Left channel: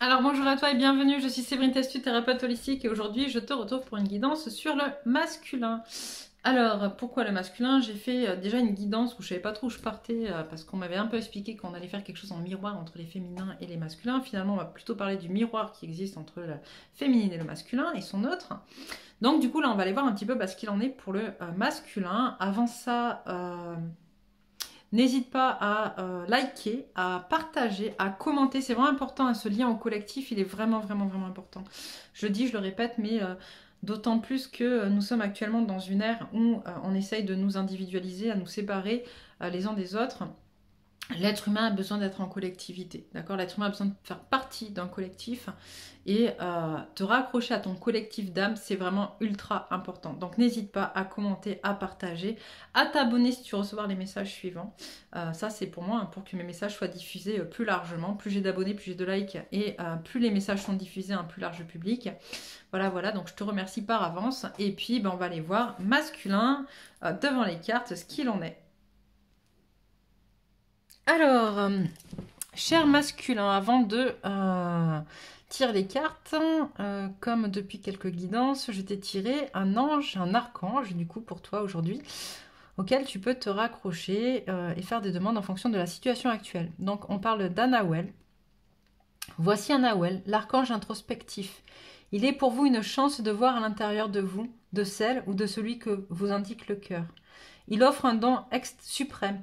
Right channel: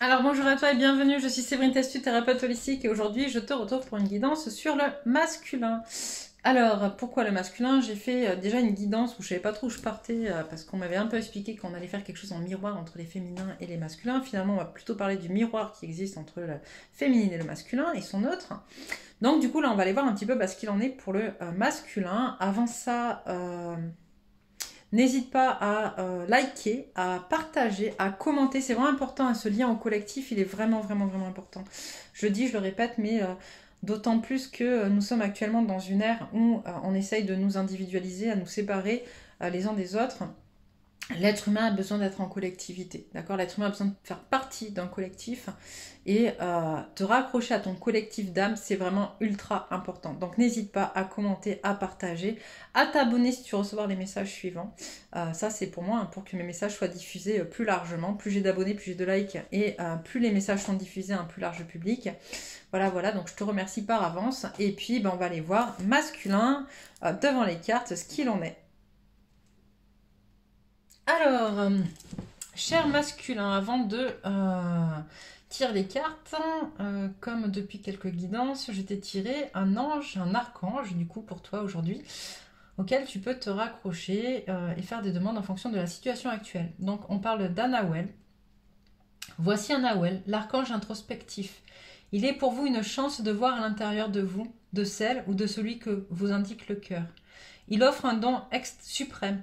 Alors bonjour à toi et bienvenue, je suis Séverine Testu, thérapeute holistique et aujourd'hui je te retrouve pour une guidance sur le masculin. Alors pourquoi le masculin? J'ai fait déjà une guidance où je savais pas trop où je partais parce qu'on m'avait un peu expliqué qu'on allait faire quelque chose en miroir entre les féminins et les masculins. Finalement on va plutôt parler du miroir qui existe entre le féminin et le masculin et son autre. Donc du coup là on va aller voir un petit peu ce qu'il en est pour le masculin. Avant ça... n'hésite pas à liker, à partager, à commenter. C'est vraiment important, ce lien au collectif, il est vraiment important. Je le dis, je le répète, mais d'autant plus que nous sommes actuellement dans une ère où on essaye de nous individualiser, à nous séparer les uns des autres. L'être humain a besoin d'être en collectivité, d'accord? L'être humain a besoin de faire partie d'un collectif et te raccrocher à ton collectif d'âme, c'est vraiment ultra important. Donc n'hésite pas à commenter, à partager, à t'abonner si tu veux recevoir les messages suivants. Ça c'est pour moi, pour que mes messages soient diffusés plus largement. Plus j'ai d'abonnés, plus j'ai de likes et plus les messages sont diffusés à un plus large public. Voilà, donc je te remercie par avance. Et puis on va aller voir masculin devant les cartes, ce qu'il en est. Alors, cher masculin, avant de tirer les cartes, comme depuis quelques guidances, je t'ai tiré un ange, un archange, du coup pour toi aujourd'hui, auquel tu peux te raccrocher et faire des demandes en fonction de la situation actuelle. Donc on parle d'Anahuel. Voici Anahuel, l'archange introspectif. Il est pour vous une chance de voir à l'intérieur de vous, de celle ou de celui que vous indique le cœur. Il offre un don suprême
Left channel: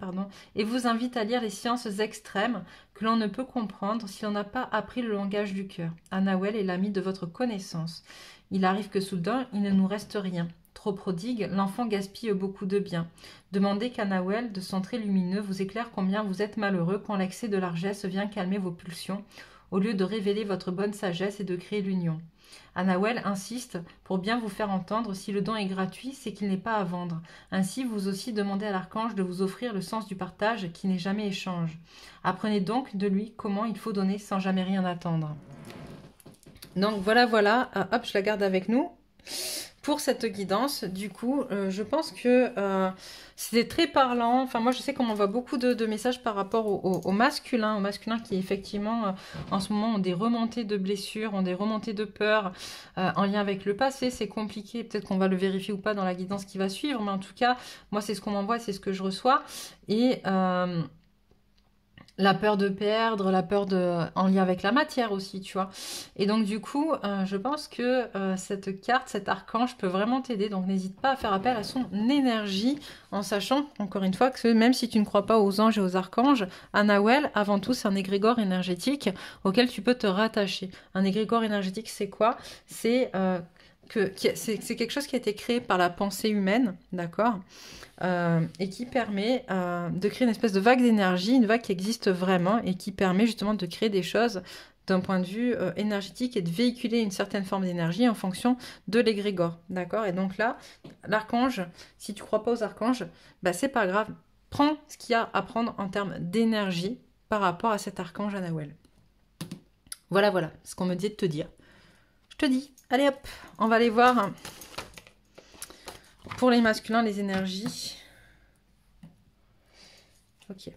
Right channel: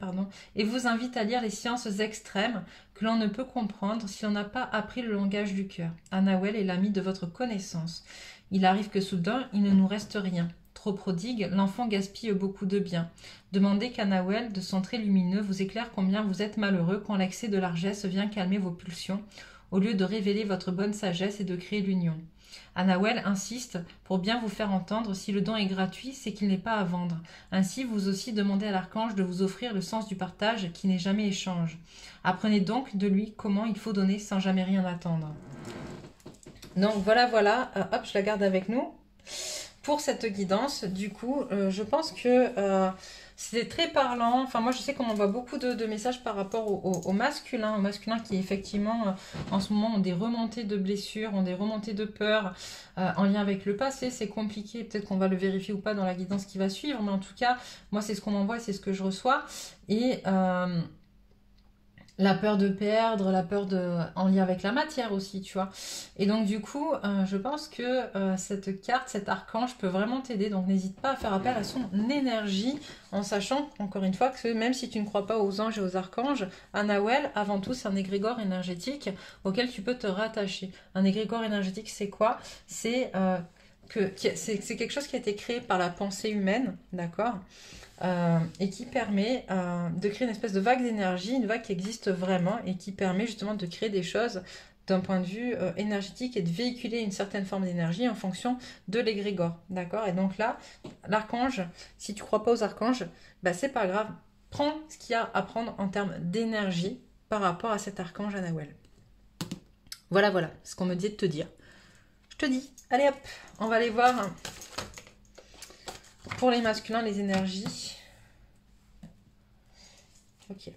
et vous invite à lire les sciences extrêmes que l'on ne peut comprendre si l'on n'a pas appris le langage du cœur. Anahuel est l'ami de votre connaissance. Il arrive que soudain, il ne nous reste rien. Trop prodigue, l'enfant gaspille beaucoup de biens. Demandez qu'Anahuel, de son trait lumineux, vous éclaire combien vous êtes malheureux quand l'excès de largesse vient calmer vos pulsions, au lieu de révéler votre bonne sagesse et de créer l'union. Anahuel insiste pour bien vous faire entendre, si le don est gratuit, c'est qu'il n'est pas à vendre. Ainsi, vous aussi demandez à l'archange de vous offrir le sens du partage qui n'est jamais échange. Apprenez donc de lui comment il faut donner sans jamais rien attendre. Donc voilà, hop, je la garde avec nous. Pour cette guidance, du coup, je pense que c'était très parlant. Enfin, moi, je sais qu'on m'envoie beaucoup de messages par rapport au masculin qui, effectivement, en ce moment, ont des remontées de blessures, ont des remontées de peur en lien avec le passé. C'est compliqué. Peut-être qu'on va le vérifier ou pas dans la guidance qui va suivre. Mais en tout cas, moi, c'est ce qu'on m'envoie, c'est ce que je reçois. Et... la peur de perdre, en lien avec la matière aussi, tu vois. Et donc du coup, je pense que cette carte, cet archange peut vraiment t'aider. Donc n'hésite pas à faire appel à son énergie, en sachant, encore une fois, que même si tu ne crois pas aux anges et aux archanges, Anahuel, avant tout, c'est un égrégore énergétique auquel tu peux te rattacher. Un égrégore énergétique, c'est quoi? C'est quelque chose qui a été créé par la pensée humaine, d'accord? Et qui permet de créer une espèce de vague d'énergie, une vague qui existe vraiment et qui permet justement de créer des choses d'un point de vue énergétique et de véhiculer une certaine forme d'énergie en fonction de l'égrégore, d'accord? Et donc là, l'archange, si tu ne crois pas aux archanges, c'est pas grave, prends ce qu'il y a à prendre en termes d'énergie par rapport à cet archange Anahuel. Voilà ce qu'on me dit de te dire. Je te dis, allez hop, on va aller voir... pour les masculins, les énergies. Ok.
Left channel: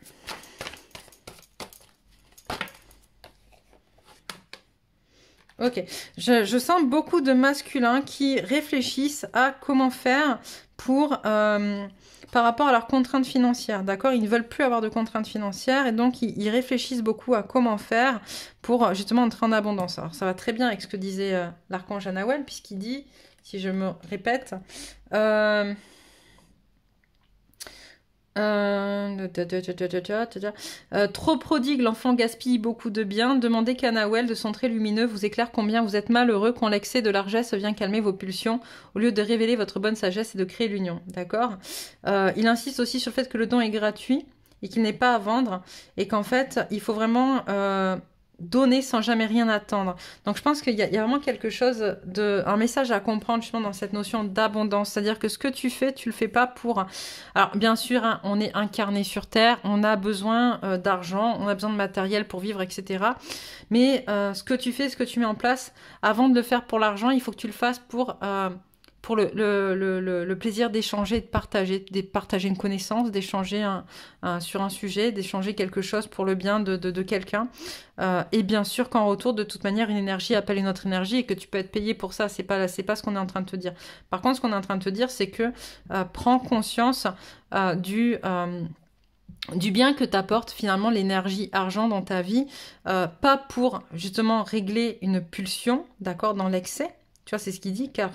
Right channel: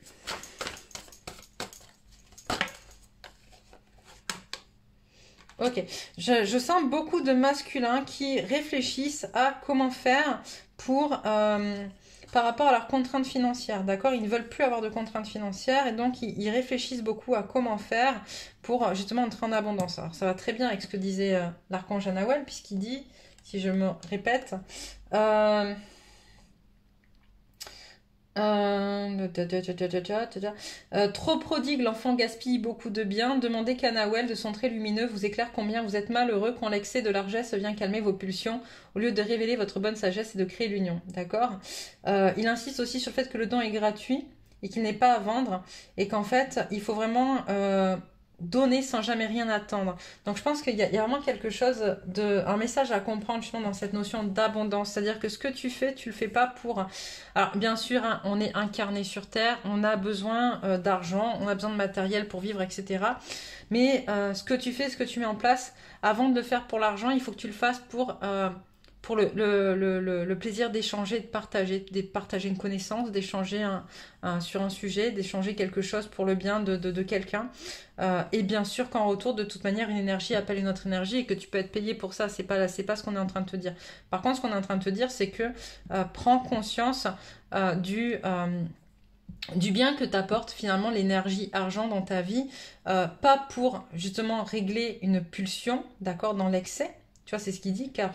Ok. Je sens beaucoup de masculins qui réfléchissent à comment faire pour... par rapport à leurs contraintes financières, d'accord? Ils ne veulent plus avoir de contraintes financières et donc ils réfléchissent beaucoup à comment faire pour justement entrer en abondance. Alors ça va très bien avec ce que disait l'archange Anahuel, puisqu'il dit, si je me répète... trop prodigue, l'enfant gaspille beaucoup de biens. Demandez qu'Anahuel, de son trait lumineux, vous éclaire combien vous êtes malheureux quand l'excès de largesse vient calmer vos pulsions, au lieu de révéler votre bonne sagesse et de créer l'union. D'accord? Il insiste aussi sur le fait que le don est gratuit et qu'il n'est pas à vendre et qu'en fait, il faut vraiment... donner sans jamais rien attendre. Donc je pense qu'il y a vraiment quelque chose un message à comprendre justement dans cette notion d'abondance. C'est-à-dire que ce que tu fais, tu le fais pas pour... Alors bien sûr, hein, on est incarné sur Terre, on a besoin d'argent, on a besoin de matériel pour vivre, etc. Mais ce que tu fais, ce que tu mets en place, avant de le faire pour l'argent, il faut que tu le fasses pour pour le plaisir d'échanger, de partager une connaissance, d'échanger sur un sujet, d'échanger quelque chose pour le bien de quelqu'un. Et bien sûr qu'en retour, de toute manière, une énergie appelle une autre énergie et que tu peux être payé pour ça. C'est pas ce qu'on est en train de te dire. Par contre, ce qu'on est en train de te dire, c'est que prends conscience du bien que t'apporte finalement l'énergie argent dans ta vie, pas pour justement régler une pulsion, d'accord, dans l'excès. Tu vois, c'est ce qu'il dit, car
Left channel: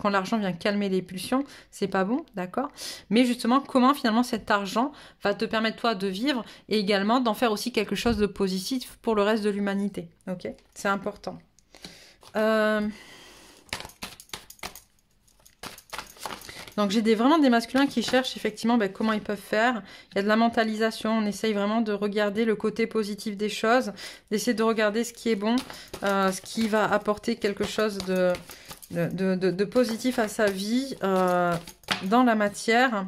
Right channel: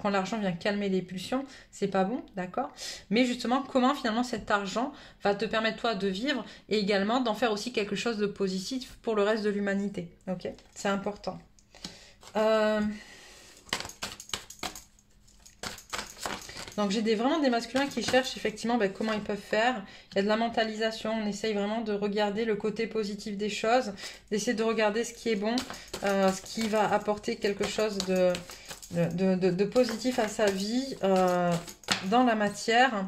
quand l'argent vient calmer les pulsions, c'est pas bon, d'accord? Mais justement, comment finalement cet argent va te permettre toi de vivre et également d'en faire aussi quelque chose de positif pour le reste de l'humanité, ok? C'est important. Donc j'ai vraiment des masculins qui cherchent effectivement comment ils peuvent faire. Il y a de la mentalisation, on essaye vraiment de regarder le côté positif des choses, d'essayer de regarder ce qui est bon, ce qui va apporter quelque chose de positif à sa vie dans la matière.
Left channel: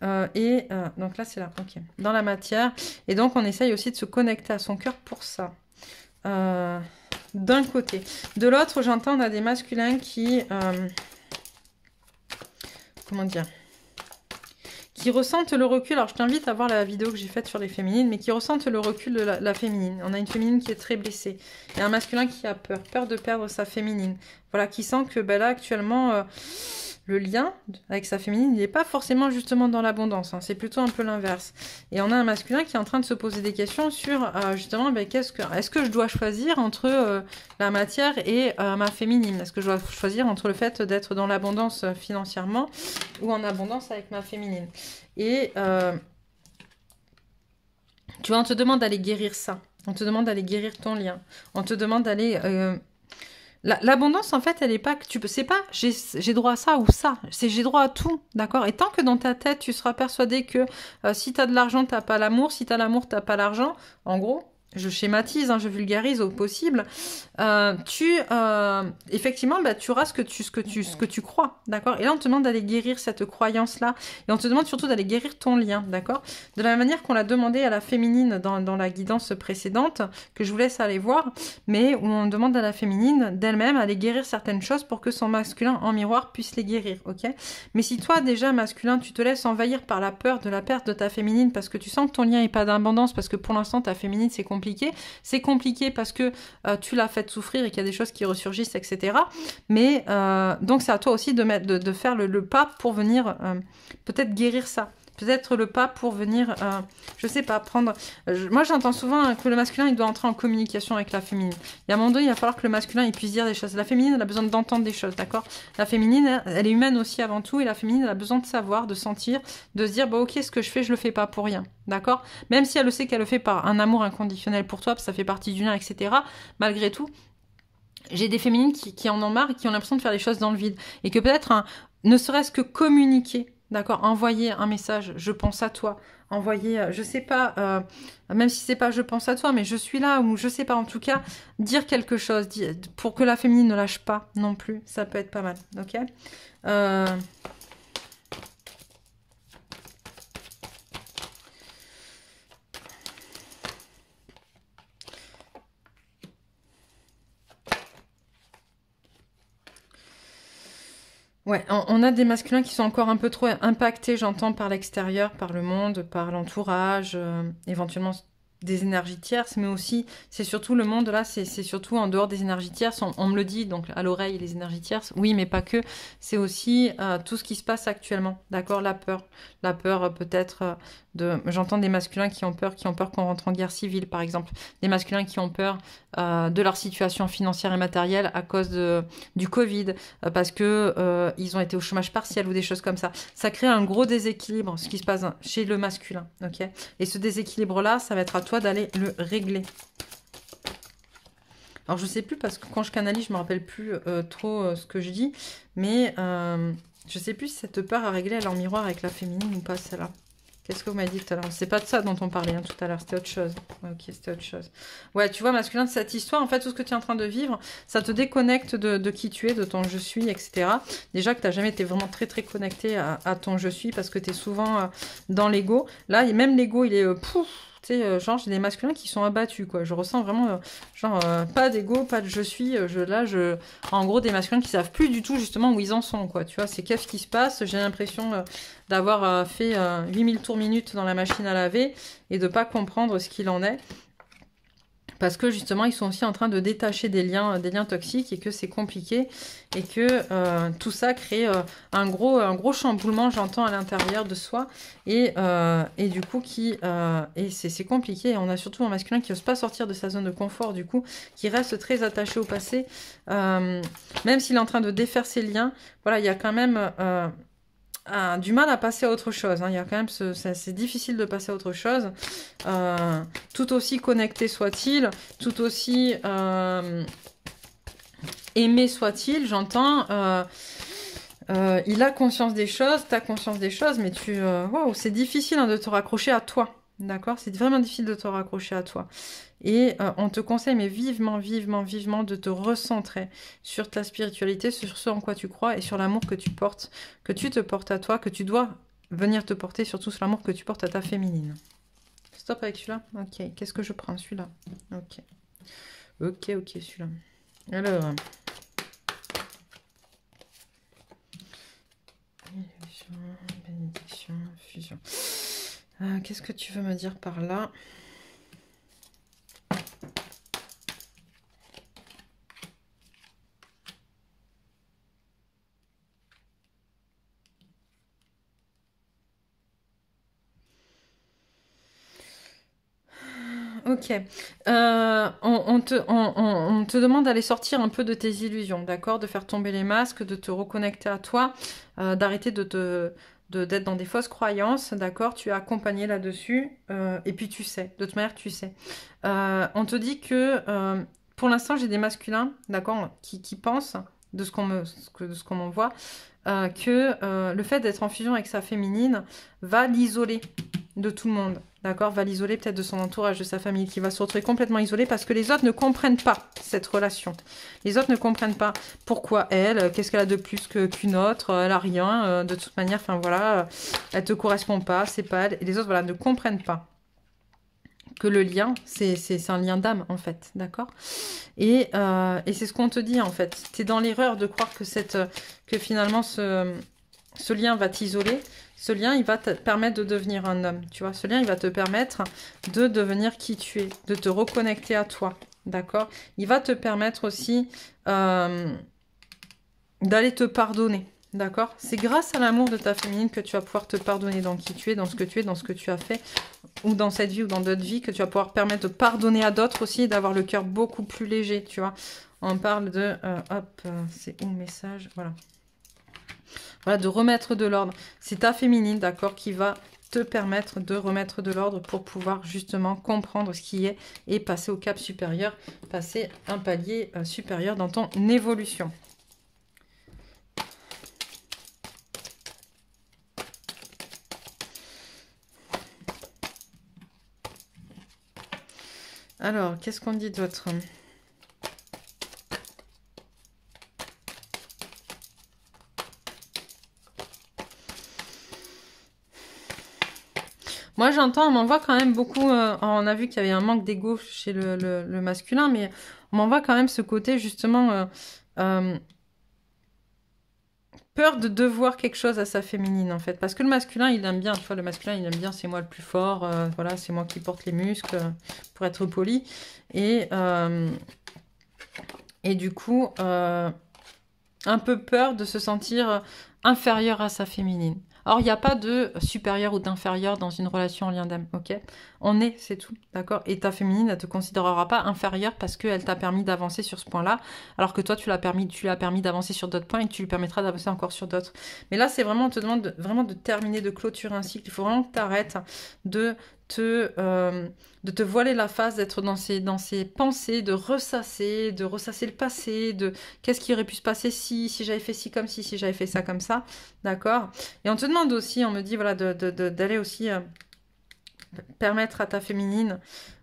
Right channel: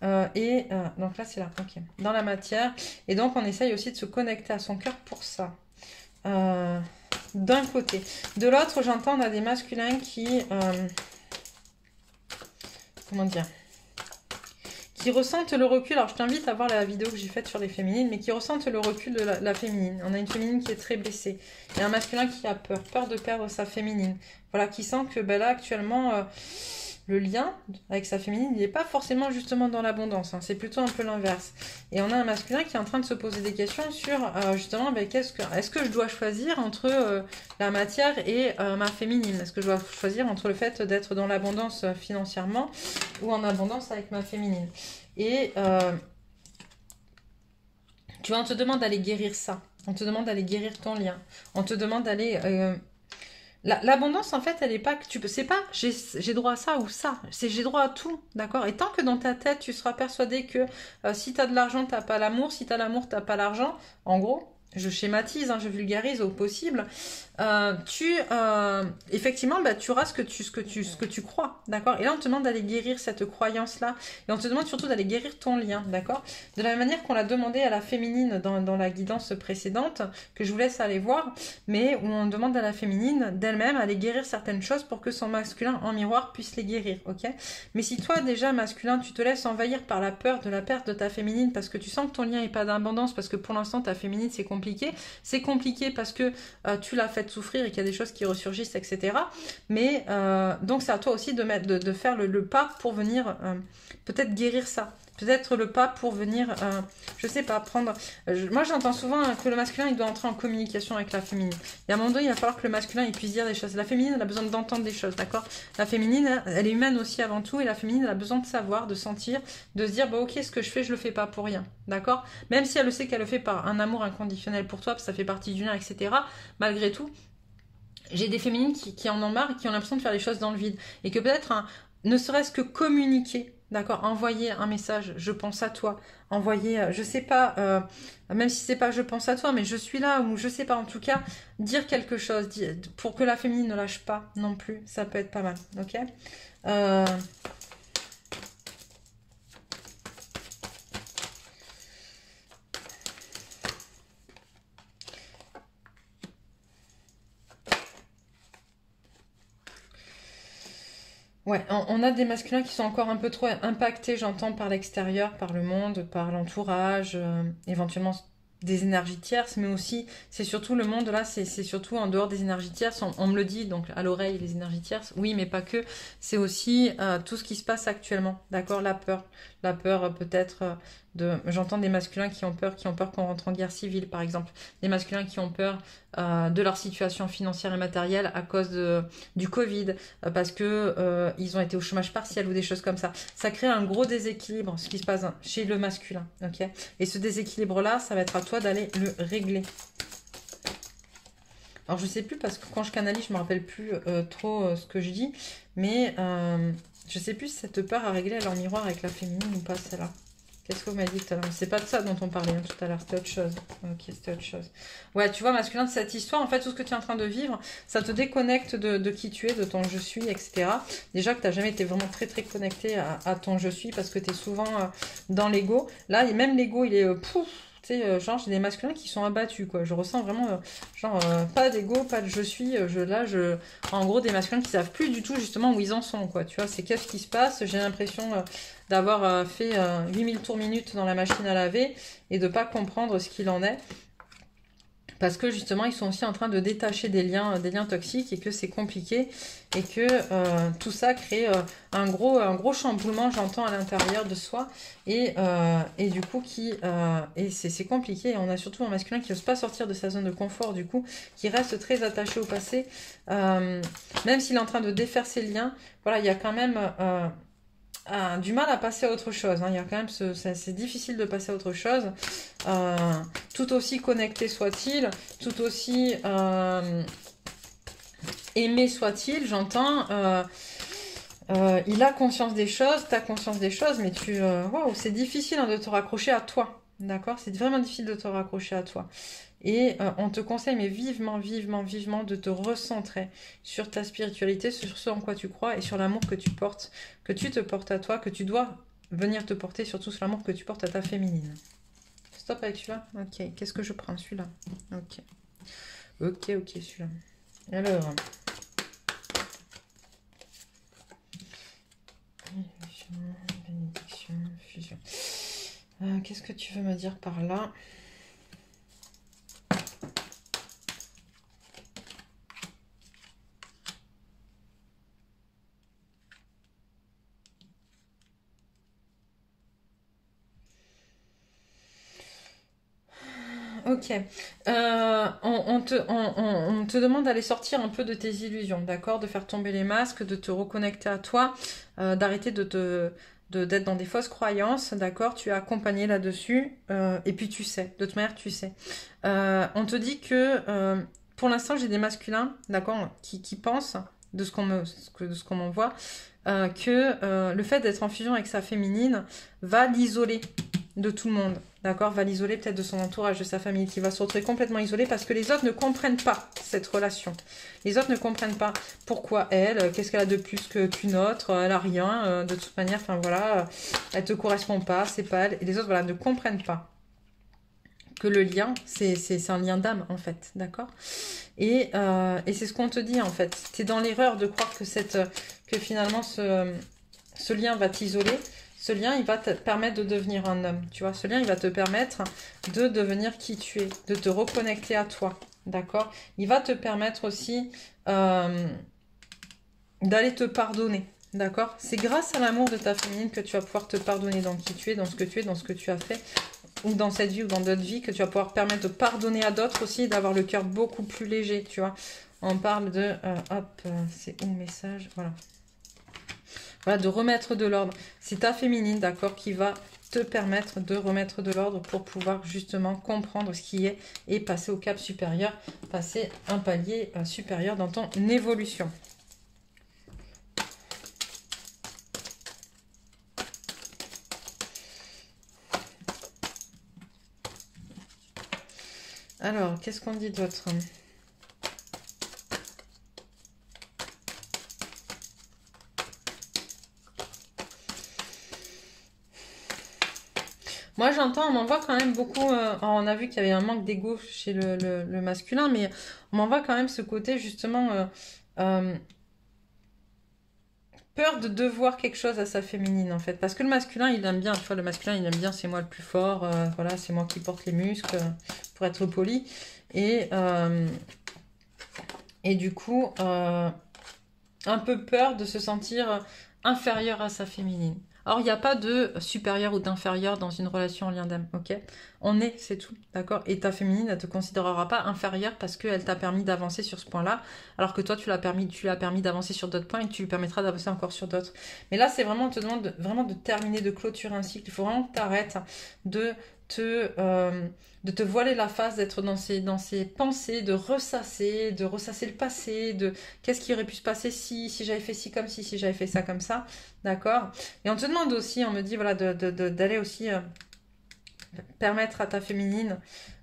Donc là c'est là, ok, dans la matière. Et donc on essaye aussi de se connecter à son cœur pour ça. D'un côté. De l'autre, j'entends, on a des masculins qui... comment dire, qui ressentent le recul. Alors je t'invite à voir la vidéo que j'ai faite sur les féminines, mais qui ressentent le recul de la féminine. On a une féminine qui est très blessée. Il y a un masculin qui a peur de perdre sa féminine. Voilà, qui sent que là actuellement le lien avec sa féminine, il n'est pas forcément justement dans l'abondance, hein. C'est plutôt un peu l'inverse. Et on a un masculin qui est en train de se poser des questions sur justement, est-ce que je dois choisir entre la matière et ma féminine? Est-ce que je dois choisir entre le fait d'être dans l'abondance financièrement ou en abondance avec ma féminine? Et tu vois, on te demande d'aller guérir ça. On te demande d'aller guérir ton lien. On te demande d'aller... L'abondance, en fait, elle est pas que tu peux. C'est pas j'ai droit à ça ou ça. C'est j'ai droit à tout, d'accord? Et tant que dans ta tête, tu seras persuadé que si tu as de l'argent, tu n'as pas l'amour. Si tu as l'amour, tu n'as pas l'argent. En gros, je schématise, hein, je vulgarise au possible. Effectivement, tu auras ce que tu crois, d'accord? Et là, on te demande d'aller guérir cette croyance-là. Et on te demande surtout d'aller guérir ton lien, d'accord? De la même manière qu'on l'a demandé à la féminine dans la guidance précédente, que je vous laisse aller voir, mais où on demande à la féminine d'elle-même d'aller guérir certaines choses pour que son masculin en miroir puisse les guérir, ok? Mais si toi, déjà, masculin, tu te laisses envahir par la peur de la perte de ta féminine parce que tu sens que ton lien n'est pas d'abondance, parce que pour l'instant, ta féminine, c'est compliqué parce que tu l'as fait souffrir et qu'il y a des choses qui ressurgissent, etc. Mais donc c'est à toi aussi de faire le pas pour venir peut-être guérir ça. Peut-être le pas pour venir, je sais pas, prendre... moi j'entends souvent que le masculin il doit entrer en communication avec la féminine. Et à un moment donné il va falloir que le masculin il puisse dire des choses. La féminine elle a besoin d'entendre des choses, d'accord? La féminine elle est humaine aussi avant tout et la féminine elle a besoin de savoir, de sentir, de se dire bah ok ce que je fais je le fais pas pour rien, d'accord? Même si elle le sait qu'elle le fait par un amour inconditionnel pour toi, parce que ça fait partie du lien, etc. Malgré tout, j'ai des féminines qui en ont marre et qui ont l'impression de faire les choses dans le vide. Et que peut-être, ne serait-ce que communiquer, d'accord, envoyer un message, je pense à toi, envoyer, je sais pas, même si c'est pas je pense à toi, mais je suis là, ou je sais pas, en tout cas, dire quelque chose, pour que la féminine ne lâche pas non plus, ça peut être pas mal, ok? Ouais, on a des masculins qui sont encore un peu trop impactés, j'entends, par l'extérieur, par le monde, par l'entourage, éventuellement des énergies tierces, mais aussi, c'est surtout le monde, là, c'est surtout en dehors des énergies tierces, on me le dit, donc à l'oreille, les énergies tierces, oui, mais pas que, c'est aussi tout ce qui se passe actuellement, d'accord, la peur peut-être j'entends des masculins qui ont peur qu'on rentre en guerre civile, par exemple, des masculins qui ont peur de leur situation financière et matérielle à cause du Covid, parce que ils ont été au chômage partiel ou des choses comme ça. Ça crée un gros déséquilibre, ce qui se passe chez le masculin, ok? Et ce déséquilibre-là, ça va être à toi d'aller le régler. Alors, je sais plus, parce que quand je canalise, je me rappelle plus trop ce que je dis, mais je sais plus si cette peur à régler, elle est en miroir avec la féminine ou pas, celle-là. Qu'est-ce que vous m'avez dit tout à l'heure? C'est pas de ça dont on parlait hein, tout à l'heure, c'était autre chose. Ok, c'était autre chose. Ouais, tu vois, masculin, de cette histoire, en fait, tout ce que tu es en train de vivre, ça te déconnecte de qui tu es, de ton je suis, etc. Déjà que tu n'as jamais été vraiment très très connecté à ton je suis, parce que tu es souvent dans l'ego. Là, même l'ego, il est Tu sais, genre, j'ai des masculins qui sont abattus, quoi. Je ressens vraiment, genre, pas d'ego, pas de je suis. En gros, des masculins qui savent plus du tout, justement, où ils en sont, quoi. Tu vois, c'est qu'est-ce qui se passe. J'ai l'impression d'avoir fait 8000 tours minutes dans la machine à laver et de pas comprendre ce qu'il en est. Parce que justement, ils sont aussi en train de détacher des liens toxiques et que c'est compliqué et que tout ça crée un gros chamboulement, j'entends, à l'intérieur de soi et du coup, c'est compliqué. Et on a surtout un masculin qui n'ose pas sortir de sa zone de confort, du coup, qui reste très attaché au passé. Même s'il est en train de défaire ses liens, voilà, il y a quand même... du mal à passer à autre chose. Hein. Il y a quand même c'est difficile de passer à autre chose. Tout aussi connecté soit-il, tout aussi aimé soit-il, j'entends. Il a conscience des choses, tu as conscience des choses, mais wow, c'est difficile hein, de te raccrocher à toi. D'accord? C'est vraiment difficile de te raccrocher à toi. Et on te conseille, mais vivement, vivement, vivement, de te recentrer sur ta spiritualité, sur ce en quoi tu crois et sur l'amour que tu portes, que tu te portes à toi, que tu dois venir te porter, surtout sur l'amour que tu portes à ta féminine. Stop avec celui-là. Ok, qu'est-ce que je prends? Celui-là. Ok. Ok, celui-là. Alors... bénédiction, fusion. Qu'est-ce que tu veux me dire par là? Ok. On te demande d'aller sortir un peu de tes illusions, d'accord? De faire tomber les masques, de te reconnecter à toi, d'arrêter d'être dans des fausses croyances, d'accord? Tu es accompagné là-dessus, et puis tu sais, de toute manière, tu sais. On te dit que, pour l'instant, j'ai des masculins, d'accord, qui pensent, de ce qu'on m'envoie, que le fait d'être en fusion avec sa féminine va l'isoler de tout le monde, d'accord, va l'isoler peut-être de son entourage, de sa famille, qui va se retrouver complètement isolé parce que les autres ne comprennent pas cette relation. Les autres ne comprennent pas pourquoi elle, qu'est-ce qu'elle a de plus qu'une autre, elle a rien, de toute manière, enfin voilà, elle te correspond pas, c'est pas elle, et les autres, voilà, ne comprennent pas que le lien, c'est un lien d'âme, en fait, d'accord, et c'est ce qu'on te dit, en fait. Tu es dans l'erreur de croire que finalement, ce lien va t'isoler. Ce lien, il va te permettre de devenir un homme, tu vois. Ce lien, il va te permettre de devenir qui tu es, de te reconnecter à toi, d'accord. Il va te permettre aussi d'aller te pardonner, d'accord. C'est grâce à l'amour de ta féminine que tu vas pouvoir te pardonner dans qui tu es, dans ce que tu es, dans ce que tu as fait, ou dans cette vie ou dans d'autres vies, que tu vas pouvoir permettre de pardonner à d'autres aussi, et d'avoir le cœur beaucoup plus léger, tu vois. On parle de... c'est où le message? Voilà. Voilà, de remettre de l'ordre. C'est ta féminine, d'accord, qui va te permettre de remettre de l'ordre pour pouvoir justement comprendre ce qui est et passer au cap supérieur, passer un palier supérieur dans ton évolution. Alors, qu'est-ce qu'on dit d'autre ? Moi, j'entends, on m'envoie quand même beaucoup, on a vu qu'il y avait un manque d'ego chez le masculin, mais on m'envoie quand même ce côté, justement, peur de devoir quelque chose à sa féminine, en fait. Parce que le masculin, il aime bien, tu vois, le masculin, il aime bien, c'est moi le plus fort, voilà, c'est moi qui porte les muscles, pour être poli. Et du coup, un peu peur de se sentir inférieur à sa féminine. Or, il n'y a pas de supérieur ou d'inférieur dans une relation en lien d'âme, ok? On est, c'est tout, d'accord? Et ta féminine, elle ne te considérera pas inférieure parce qu'elle t'a permis d'avancer sur ce point-là, alors que toi, tu l'as permis d'avancer sur d'autres points et que tu lui permettras d'avancer encore sur d'autres. Mais là, c'est vraiment, on te demande vraiment de terminer, de clôturer un cycle. Il faut vraiment que tu arrêtes de te voiler la face, d'être dans ces pensées, de ressasser le passé, de qu'est-ce qui aurait pu se passer si j'avais fait ci comme si j'avais fait ça comme ça, d'accord? Et on te demande aussi, on me dit, voilà, d'aller aussi permettre à ta féminine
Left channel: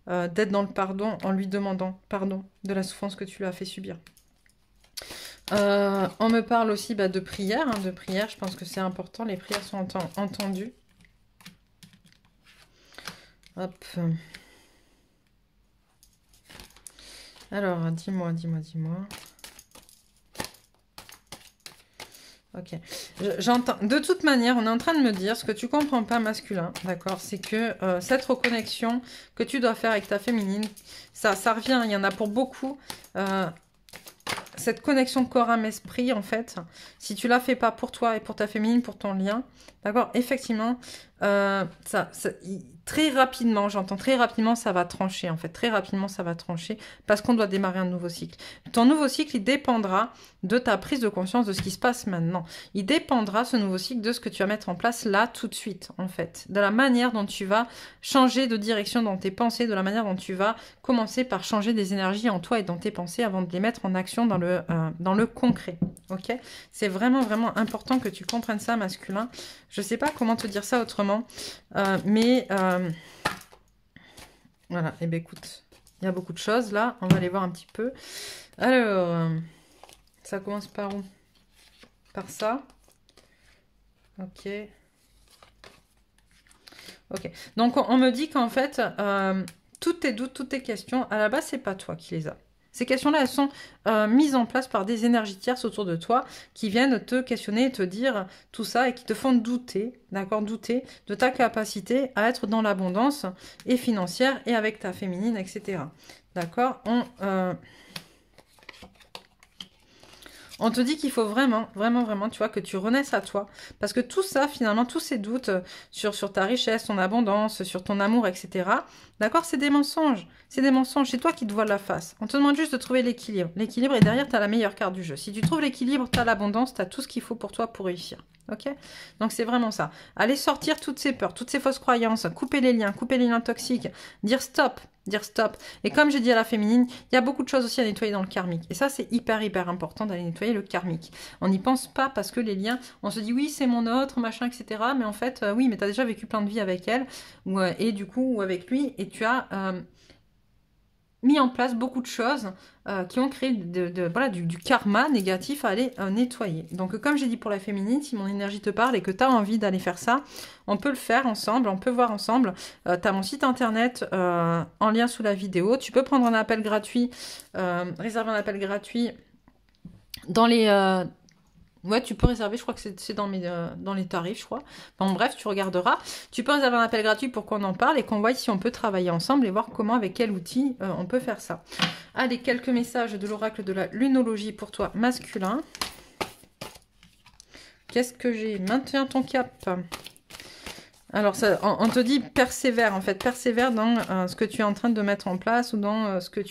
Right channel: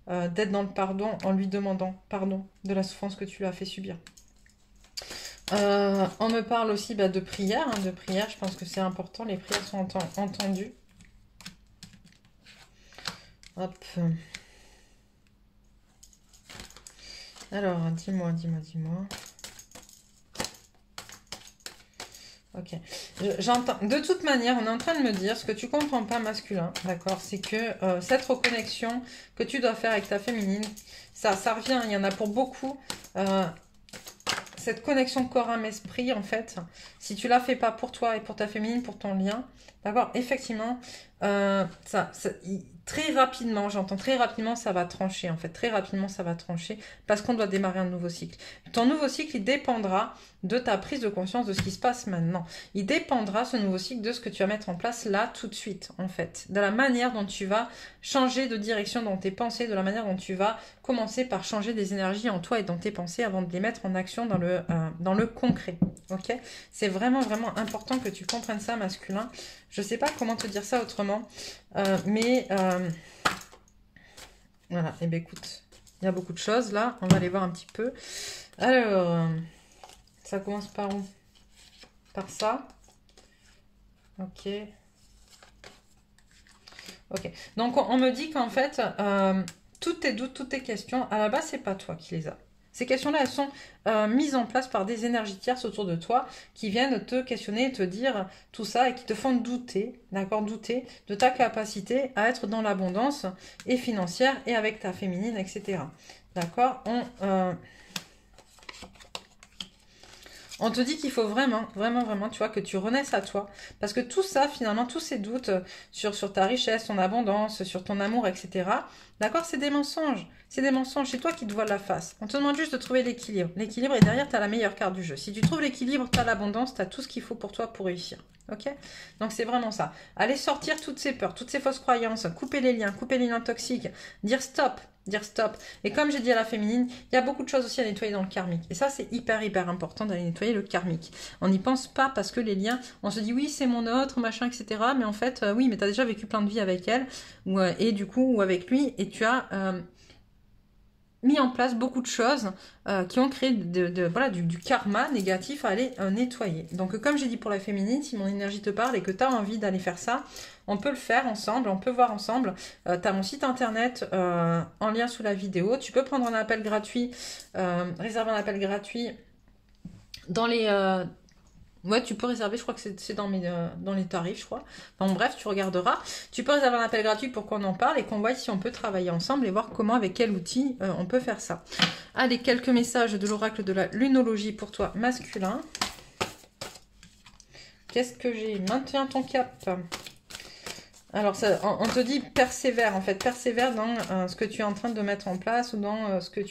d'être dans le pardon en lui demandant pardon de la souffrance que tu lui as fait subir. On me parle aussi de prière, je pense que c'est important, les prières sont entendues. Hop. Alors, dis-moi. Ok. J'entends. De toute manière, on est en train de me dire ce que tu comprends pas masculin, d'accord? C'est que cette reconnexion que tu dois faire avec ta féminine, ça revient. Il y en a pour beaucoup. Cette connexion corps âme esprit, en fait, si tu la fais pas pour toi et pour ta féminine, pour ton lien, d'accord? Effectivement, très rapidement, j'entends très rapidement, ça va trancher, en fait. Très rapidement, ça va trancher parce qu'on doit démarrer un nouveau cycle. Ton nouveau cycle, il dépendra de ta prise de conscience de ce qui se passe maintenant. Il dépendra, ce nouveau cycle, de ce que tu vas mettre en place là, tout de suite, en fait. De la manière dont tu vas changer de direction dans tes pensées, de la manière dont tu vas commencer par changer des énergies en toi et dans tes pensées avant de les mettre en action dans le concret. Ok? C'est vraiment, vraiment important que tu comprennes ça, masculin. Je sais pas comment te dire ça autrement, mais voilà. Et bien écoute, il y a beaucoup de choses là. On va aller voir un petit peu. Alors, ça commence par où? Par ça. Ok. Ok. Donc on me dit qu'en fait, toutes tes doutes, toutes tes questions, à la base, c'est pas toi qui les as. Ces questions-là, elles sont mises en place par des énergies tierces autour de toi qui viennent te questionner et te dire tout ça et qui te font douter, d'accord, douter de ta capacité à être dans l'abondance et financière et avec ta féminine, etc. D'accord? On te dit qu'il faut vraiment, vraiment, vraiment, tu vois, que tu renaisses à toi. Parce que tout ça, finalement, tous ces doutes sur ta richesse, ton abondance, sur ton amour, etc., d'accord, c'est des mensonges. C'est des mensonges. C'est toi qui te voiles la face. On te demande juste de trouver l'équilibre. L'équilibre, et derrière, tu as la meilleure carte du jeu. Si tu trouves l'équilibre, tu as l'abondance, tu as tout ce qu'il faut pour toi pour réussir. Ok? Donc, c'est vraiment ça. Allez sortir toutes ces peurs, toutes ces fausses croyances, couper les liens toxiques, dire stop. Dire stop. Et comme j'ai dit à la féminine, il y a beaucoup de choses aussi à nettoyer dans le karmique. Et ça, c'est hyper, hyper important d'aller nettoyer le karmique. On n'y pense pas parce que les liens, on se dit oui, c'est mon autre, machin, etc. Mais en fait, oui, mais tu as déjà vécu plein de vies avec elle, et du coup, ou avec lui, et tu as mis en place beaucoup de choses qui ont créé voilà, du karma négatif à aller nettoyer. Donc comme j'ai dit pour la féminine, si mon énergie te parle et que tu as envie d'aller faire ça, on peut le faire ensemble, on peut voir ensemble. Tu as mon site internet en lien sous la vidéo. Tu peux prendre un appel gratuit, réserver un appel gratuit dans les... Ouais, tu peux réserver, je crois que c'est dans les tarifs, je crois. Bon, bref, tu regarderas. Tu peux réserver un appel gratuit pour qu'on en parle et qu'on voit si on peut travailler ensemble et voir comment, avec quel outil, on peut faire ça. Allez, quelques messages de l'oracle de la lunologie pour toi, masculin. Qu'est-ce que j'ai? Maintiens ton cap. Alors, ça, on te dit persévère, en fait. Persévère dans ce que tu es en train de mettre en place ou dans ce que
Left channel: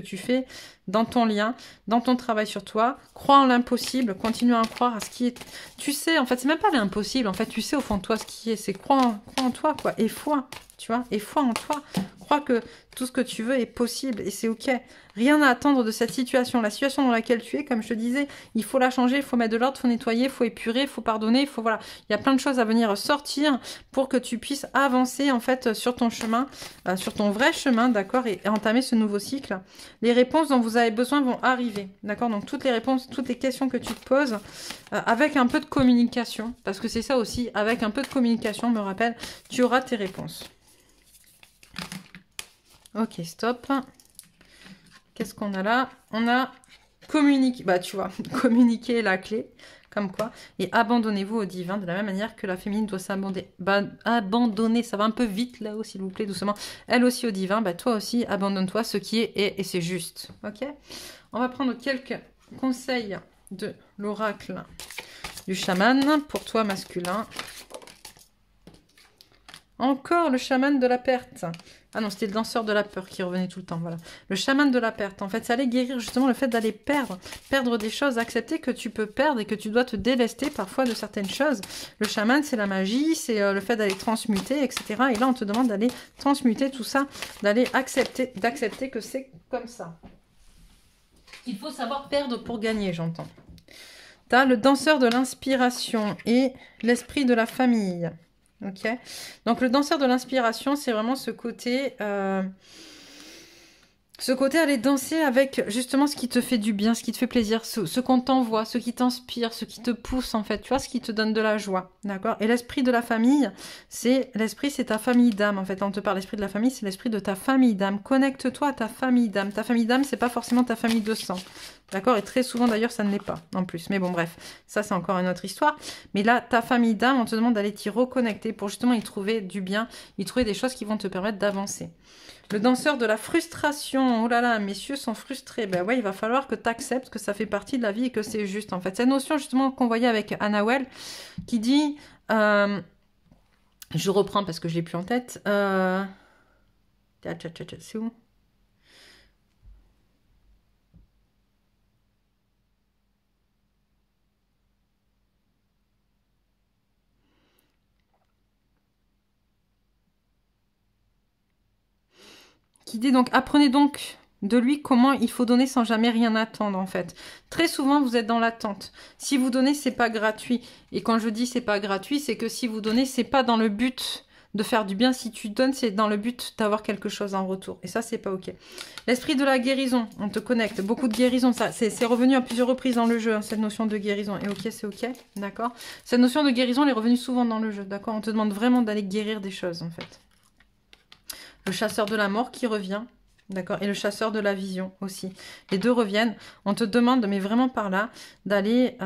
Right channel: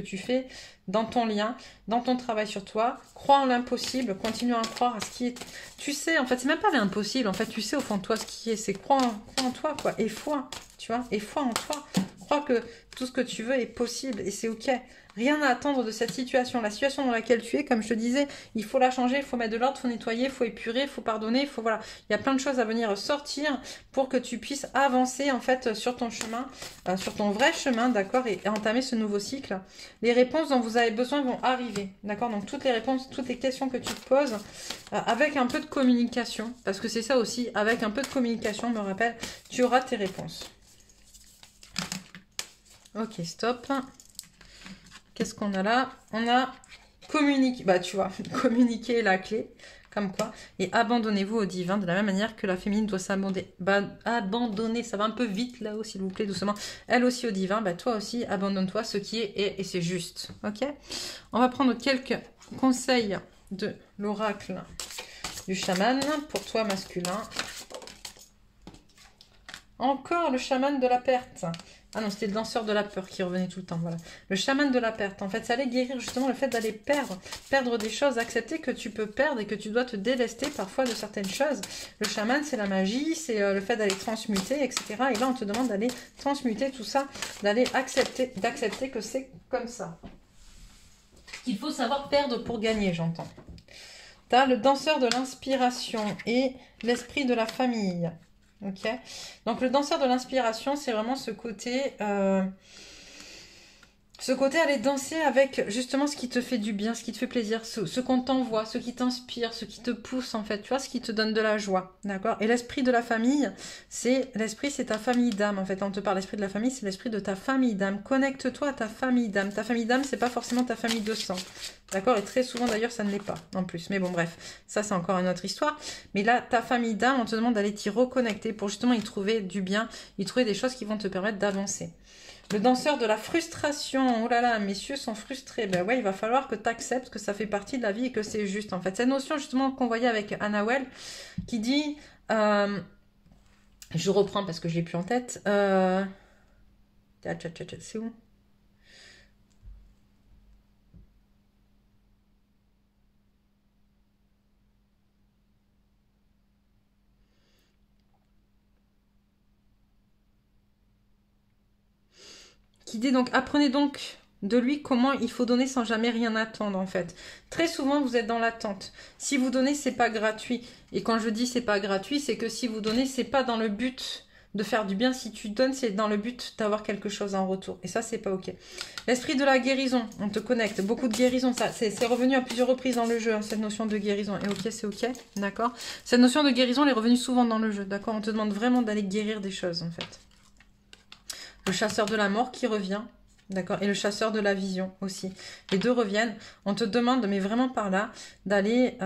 tu fais dans ton lien, dans ton travail sur toi. Crois en l'impossible, continue à croire à ce qui est... Tu sais, en fait, c'est même pas l'impossible. En fait, tu sais au fond de toi ce qui est. C'est crois en toi, quoi. Et foi, tu vois. Et foi en toi. Crois que tout ce que tu veux est possible et c'est OK. Rien à attendre de cette situation. La situation dans laquelle tu es, comme je te disais, il faut la changer, il faut mettre de l'ordre, il faut nettoyer, il faut épurer, il faut pardonner, il faut, voilà. Il y a plein de choses à venir sortir pour que tu puisses avancer, en fait, sur ton chemin, sur ton vrai chemin, d'accord, et entamer ce nouveau cycle. Les réponses dont vous avez besoin vont arriver, d'accord. Donc, toutes les réponses, toutes les questions que tu te poses, avec un peu de communication, parce que c'est ça aussi, avec un peu de communication, me rappelle, tu auras tes réponses. Ok, stop. Qu'est-ce qu'on a là? On a communiquer, bah tu vois, communiquer est la clé, comme quoi. Et abandonnez-vous au divin, de la même manière que la féminine doit s'abandonner. Bah, abandonner, ça va un peu vite là-haut, s'il vous plaît, doucement. Elle aussi au divin, bah toi aussi, abandonne-toi, ce qui est et c'est juste. Ok? On va prendre quelques conseils de l'oracle du chaman pour toi, masculin. Encore le chaman de la perte. Ah non, c'était le danseur de la peur qui revenait tout le temps, voilà. Le chaman de la perte, en fait, ça allait guérir justement le fait d'aller perdre des choses, accepter que tu peux perdre et que tu dois te délester parfois de certaines choses. Le chaman, c'est la magie, c'est le fait d'aller transmuter, etc. Et là, on te demande d'aller transmuter tout ça, d'aller d'accepter que c'est comme ça. Il faut savoir perdre pour gagner, j'entends. Tu as le danseur de l'inspiration et l'esprit de la famille. Ok, donc le danseur de l'inspiration, c'est vraiment ce côté Ce côté, aller danser avec justement ce qui te fait du bien, ce qui te fait plaisir, ce qu'on t'envoie, ce qui t'inspire, ce qui te pousse en fait, tu vois, ce qui te donne de la joie, d'accord? Et l'esprit de la famille, c'est ta famille d'âme en fait. Quand on te parle l'esprit de la famille, c'est l'esprit de ta famille d'âme. Connecte-toi à ta famille d'âme. Ta famille d'âme, c'est pas forcément ta famille de sang, d'accord? Et très souvent d'ailleurs, ça ne l'est pas en plus. Mais bon, bref, ça c'est encore une autre histoire. Mais là, ta famille d'âme, on te demande d'aller t'y reconnecter pour justement y trouver du bien, y trouver des choses qui vont te permettre d'avancer. Le danseur de la frustration. Oh là là, messieurs sont frustrés. Ben ouais, il va falloir que tu acceptes que ça fait partie de la vie et que c'est juste en fait. Cette notion justement qu'on voyait avec Annawell qui dit, je reprends parce que je l'ai plus en tête. C'est où ? Qui dit donc, apprenez donc de lui comment il faut donner sans jamais rien attendre en fait. Très souvent vous êtes dans l'attente. Si vous donnez, c'est pas gratuit. Et quand je dis c'est pas gratuit, c'est que si vous donnez, c'est pas dans le but de faire du bien. Si tu donnes, c'est dans le but d'avoir quelque chose en retour. Et ça, c'est pas ok. L'esprit de la guérison, on te connecte. Beaucoup de guérison, ça c'est revenu à plusieurs reprises dans le jeu, hein, cette notion de guérison. Et ok, c'est ok, d'accord. Cette notion de guérison, elle est revenue souvent dans le jeu, d'accord. On te demande vraiment d'aller guérir des choses en fait. Le chasseur de la mort qui revient, d'accord, et le chasseur de la vision aussi. Les deux reviennent. On te demande, mais vraiment par là, d'aller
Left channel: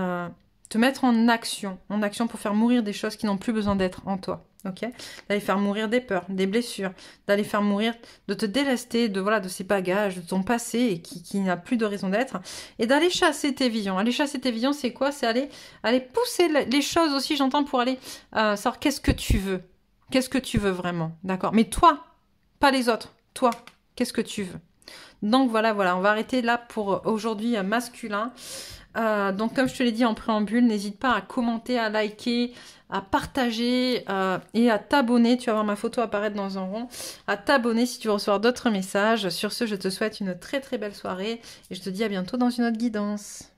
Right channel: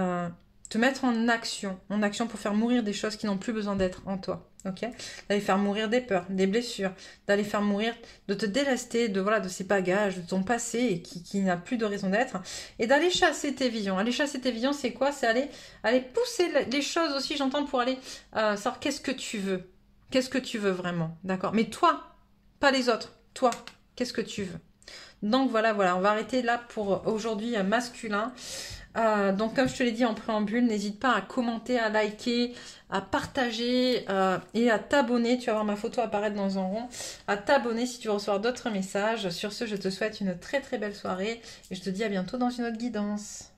te mettre en action pour faire mourir des choses qui n'ont plus besoin d'être en toi, ok. D'aller faire mourir des peurs, des blessures, d'aller faire mourir, de te délester de voilà de ces bagages, de ton passé et qui n'a plus de raison d'être, et d'aller chasser tes visions. Aller chasser tes visions, c'est quoi? C'est aller pousser les choses aussi, j'entends, pour aller savoir qu'est-ce que tu veux. Qu'est-ce que tu veux vraiment, d'accord? Mais toi, pas les autres. Toi, qu'est-ce que tu veux? Donc voilà, on va arrêter là pour aujourd'hui masculin. Donc comme je te l'ai dit en préambule, n'hésite pas à commenter, à liker, à partager et à t'abonner. Tu vas voir ma photo apparaître dans un rond. À t'abonner si tu veux recevoir d'autres messages. Sur ce, je te souhaite une très très belle soirée et je te dis à bientôt dans une autre guidance.